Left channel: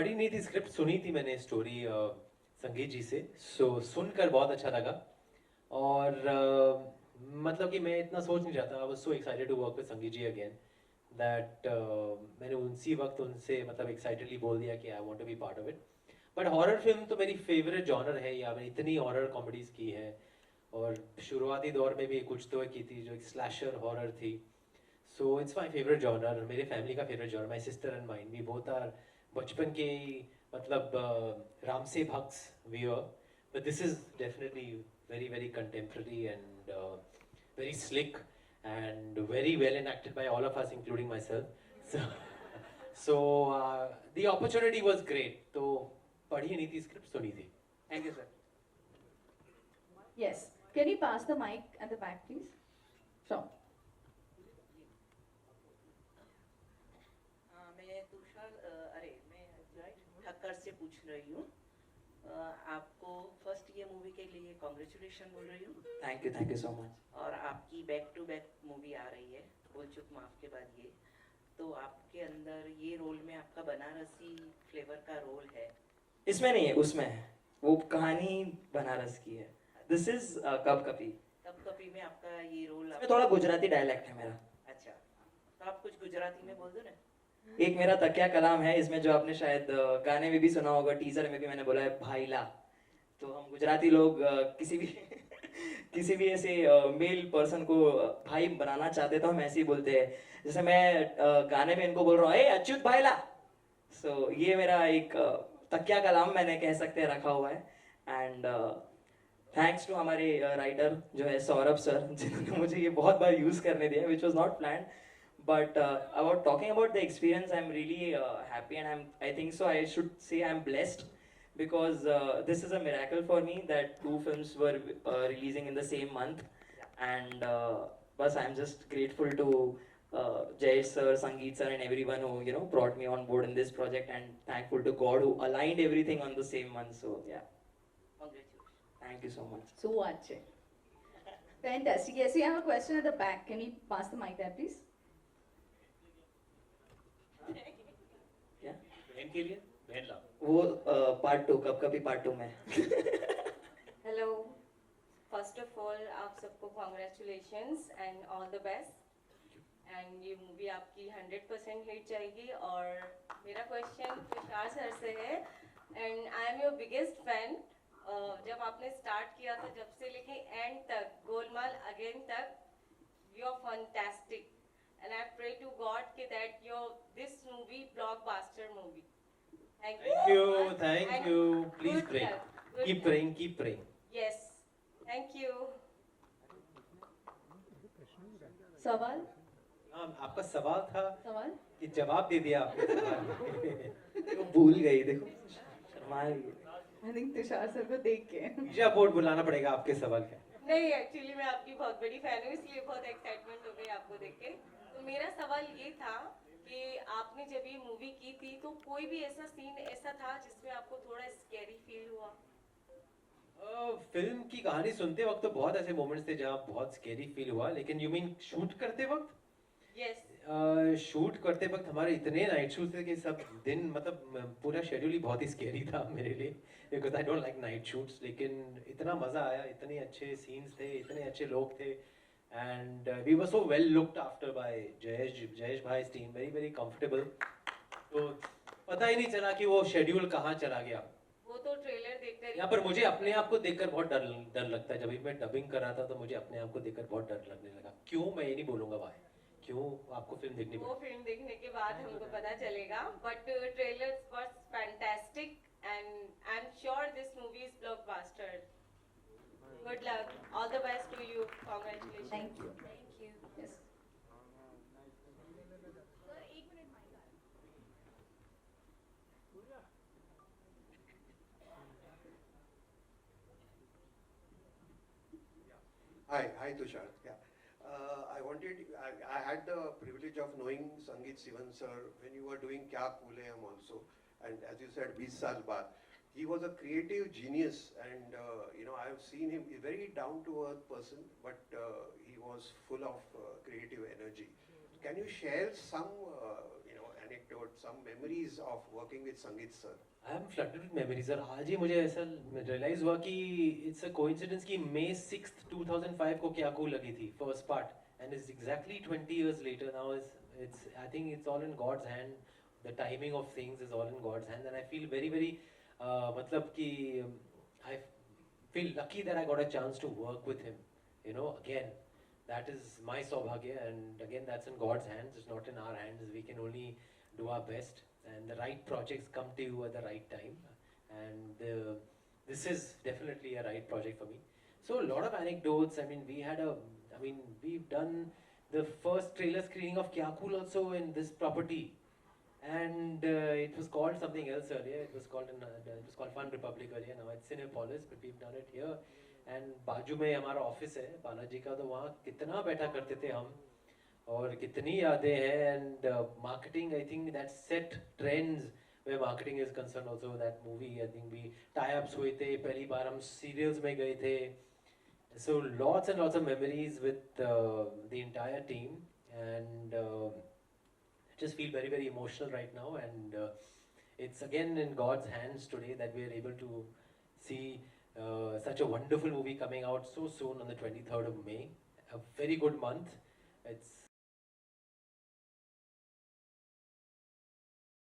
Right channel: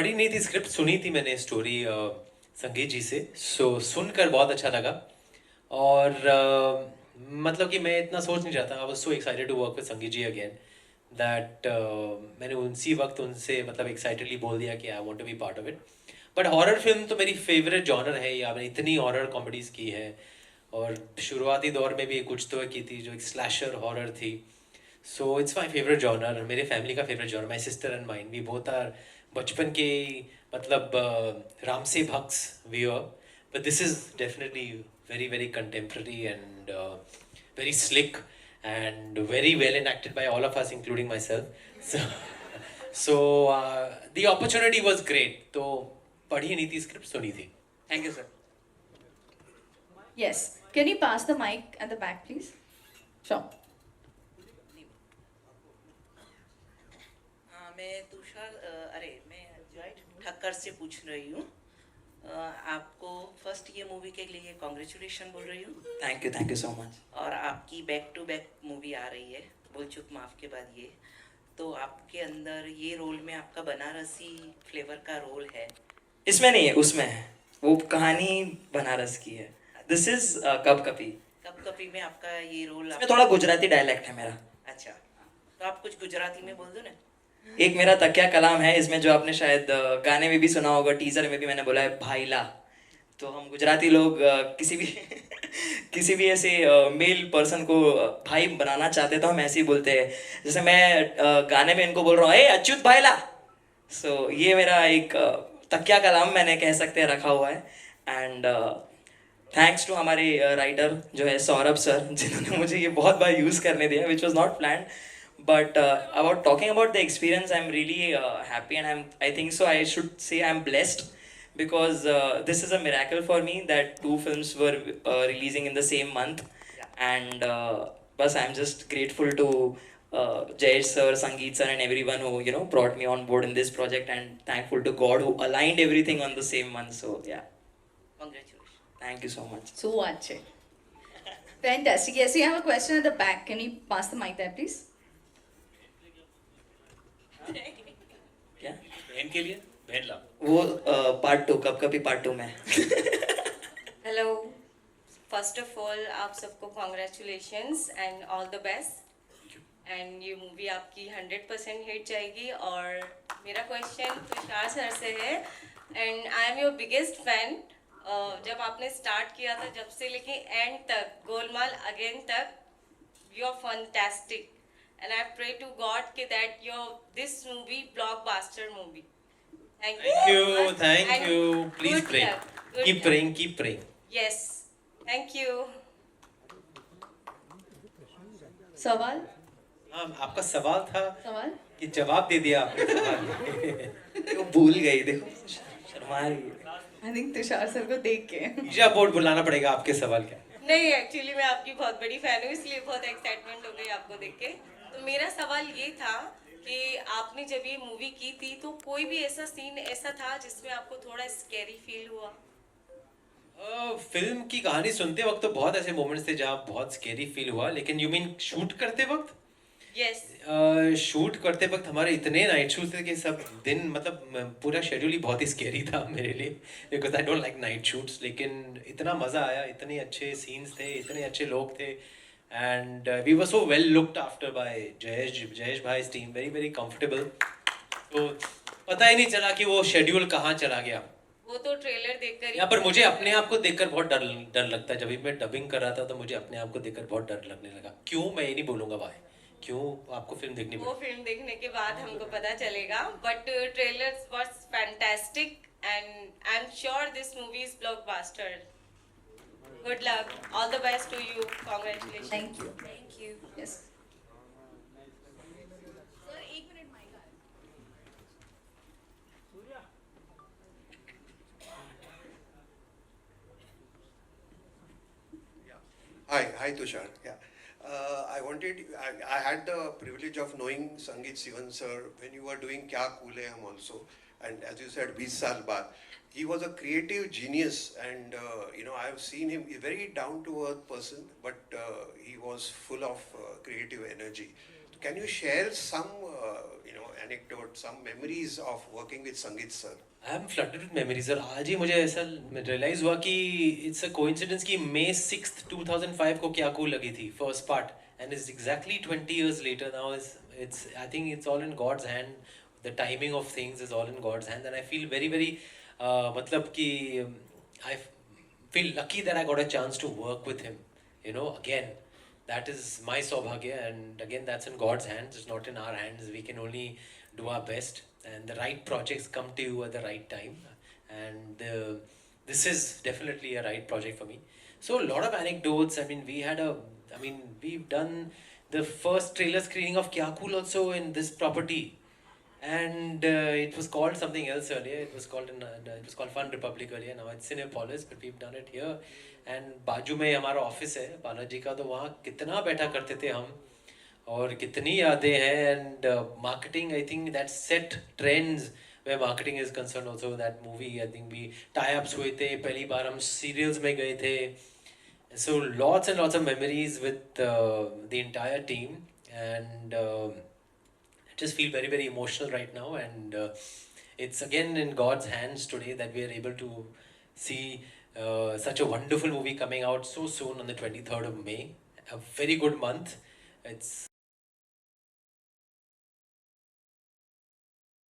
पढ़ी नहीं थी स्क्रिप्ट, सुनी थी मैंने स्टोरी संगीत जी से, सो सुनकर बहुत अच्छा लगा। और मतलब कि मैं इतना सोच नहीं रहा था, I was so excited to work with Sangeet ji again, that मैंने उसी वक्त उनसे मतलब एक्साइटेडली बोल दिया कि I want to be part of it. But horror film तो मेरी फेवरेट जॉनर है, या मैंने इतनी हॉरर कॉमेडीज़ की है, और शुरुआती दौर में भी कुछ तो की थी जो एक स्लैशर हॉरर थी। So it's my favourite genre, मेरे फैमिली का favourite genre, my sister and mine, we both are बचपन के मतलब राम से भक्स we are, but this is definitely very very contemporary and very slick and very well enacted by all of us including myself. So so the opportunity was great, तो पढ़ी नहीं थी स्क्रिप्ट, सुनी थी। Thank you sir. Yes. Can you pass the mic at the back, please? Sure. मैं तुषार मैं जॉय ठक्कर से पूछ रही हूँ। आपको फर्स्ट ये मूवी के लिए कॉन्ग्रेचुलेशन बोल रही हूँ। Thank you so much. और आपकी बैक टू बैक मूवी आ रही है बोल चुक माफ के बाद ये, तो आपके अंदर ये रोल में आपका बनारसी फ्लेवर का रोल है? इसमें नहीं है, उसमें है। वो कहानी बनारस की है। दिस इज कप कपी। कब कभी में आपका ये रोल इसमें थोड़ा गुजराती डायलेक्ट है मेरा। अच्छा, तो आप कुछ गुजराती में बोल दो ना। एक मेरा तकिया कलाम है इसमें, जो आपने शायद गाने में भी सुना होगा, टीजर में भी मैंने बोला है भाईला। तो हम गुजराती लोग किसी भी किसी भी ऐसे मेल पर्सन को भाई बनाना चाहते हैं तो हम ऐसे ही बोलते हैं। जैसे मैं गाने में इनको बोल रहा हूँ ए अच्युत भाईला। सो ये मेरा एक तकिया कलाम मैंने कह सकते हैं रखा हुआ है। एंड थैंक्स टू हमारे राइटर जो है सौरभ सर, जिन्होंने मुझे ये बहुत बार यूज़ करने दिया, which was not plan. But about talking about the experience, I'm really happy, and I think so. I should say I'm blessed because this is a miracle for me that two films were releasing in the same month, and but I'm just grateful to Jayesh sir, Sangeet sir, and everyone who brought me on board in this project, and thankful to God who aligned everything on the same month. So yeah, congratulation. thank you so much. So much. Fantastic. Yes, we have a question at the back. Can you pass the mic there, please? क्या बहन के लिए बहन ला। वो पार्ट 2 कब कभी पार्ट 2 में। Hello, first of all आप सबको congratulations and all the best. And ये मूवी आपकी 100% हिट जाएगी। और मेरा क्वेश्चन तुषार सर से है, and I am your biggest fan. जब आपने स्टार्ट किया था जब से लेके एंड तक, गोलमाल अगेन तक, you are fantastic. And I pray to God कि that your this movie blockbuster movie. Thank Thank you, please pray, keep praying. Yes, thank you. सवाल? हाँ, आपका सवाल था सवाल? कि जवाब दे दिया आपने सवाल। वो भूल गई, देखो शर्मा रही है। I think तुषार सर को देख के। ईजा बोर्ड बुलाना पड़ेगा आपके सवाल का। नहीं, एक्चुअली मैं आपकी बहुत बड़ी फैन हूँ, इसलिए बहुत एक्साइटमेंट हो गई आपको देख के। तो मेरा सवाल ये था कि आपने जब ये मूवी की थी तो कोई भी ऐसा सीन ऐसा था जिसमें आपको थोड़ा स्कैरी फील हुआ? फिल्म की कहानी सुनते वक्त तो बहुत ऐसे मोमेंट्स थे जहाँ बहुत स्केरी फील हुआ, लेकिन यू मीन शूट करते वक्त? यस। शूट करते वक्त हमारे इतने नाइट शूट थे कि सब दिन मतलब पूरा शेड्यूल ही बहुत ही स्केरी था मेरे लिए, because I don't like night shoots. लेकिन इतना मज़ा आया, इतने अच्छे सीन्स थे, इतने अच्छे लोग थे, and we were so well looked after by Jayesh bhai team, very very comfortable. तो पता ही नहीं चला कि वो शेड्यूल कहाँ चला गया। वो तो ट्रेलर देखकर यहाँ पर मुझे अपने आप को देखकर बहुत डर लगता है। जब भी मैं डबिंग कर रहा था तो मुझे अपने आप को देखकर बहुत डर लगने लगा। क्यों, मैं ये नहीं बोलूँगा वाई, क्यों, आपको फिल्म देखनी वो पड़ी। फिल्म देखने के बाद हमको पता चलेगा, but trailer was fantastic and I am sure this movie is blockbuster. Good luck, all the best to you, congratulation. Thank you. Thank you. Yes. Hi Tushar. Yeah, I had the privilege of knowing Sangeet Sivan sir when you were doing Kya Cool Hai Hum also, and as you said, 20 Saal Baad. He was a creative genius, and I have seen him a very down to earth person, but he was full of creative energy. Can you share some anecdote, some memories of working with Sangeet sir. I am flooded with memories और आज ही मुझे ऐसा रियलाइज हुआ कि it's a coincidence कि May 6th 2005 को क्या कूल लगी थी first part and it's exactly 20 years later now is it's I think it's all in God's hand. The timing of things is all in God's hand and I feel very मतलब कि I feel lucky that I got a chance to work with him, you know. Again, that is my saubhagya and again that's in God's hands, it's not in our hands. We can only do our best and the right projects come to you at the right time and this is definitely a right project for me. So a lot of anecdotes. We've done the first trailer screening of Kya Cool also in this property and it was called something else earlier. It was called Fun Republic earlier. Now it's Cinepolis, but we've done it here. And बाजू में हमारा ऑफिस है बालाजी का, तो वहाँ कितना बैठा करते थे हम और कितनी यादें हैं. And marketing, I think that set trends where marketing is concerned also. That movie, I think we tie-ups हुए थे, पहली बार हम serials में गए थे. So lots and lots of memories with the entire team and I just feel very emotional right now and it's again in God's hands today that we are able to see such a wonderful movie coming out so soon on the 23rd of May. A very good month. It's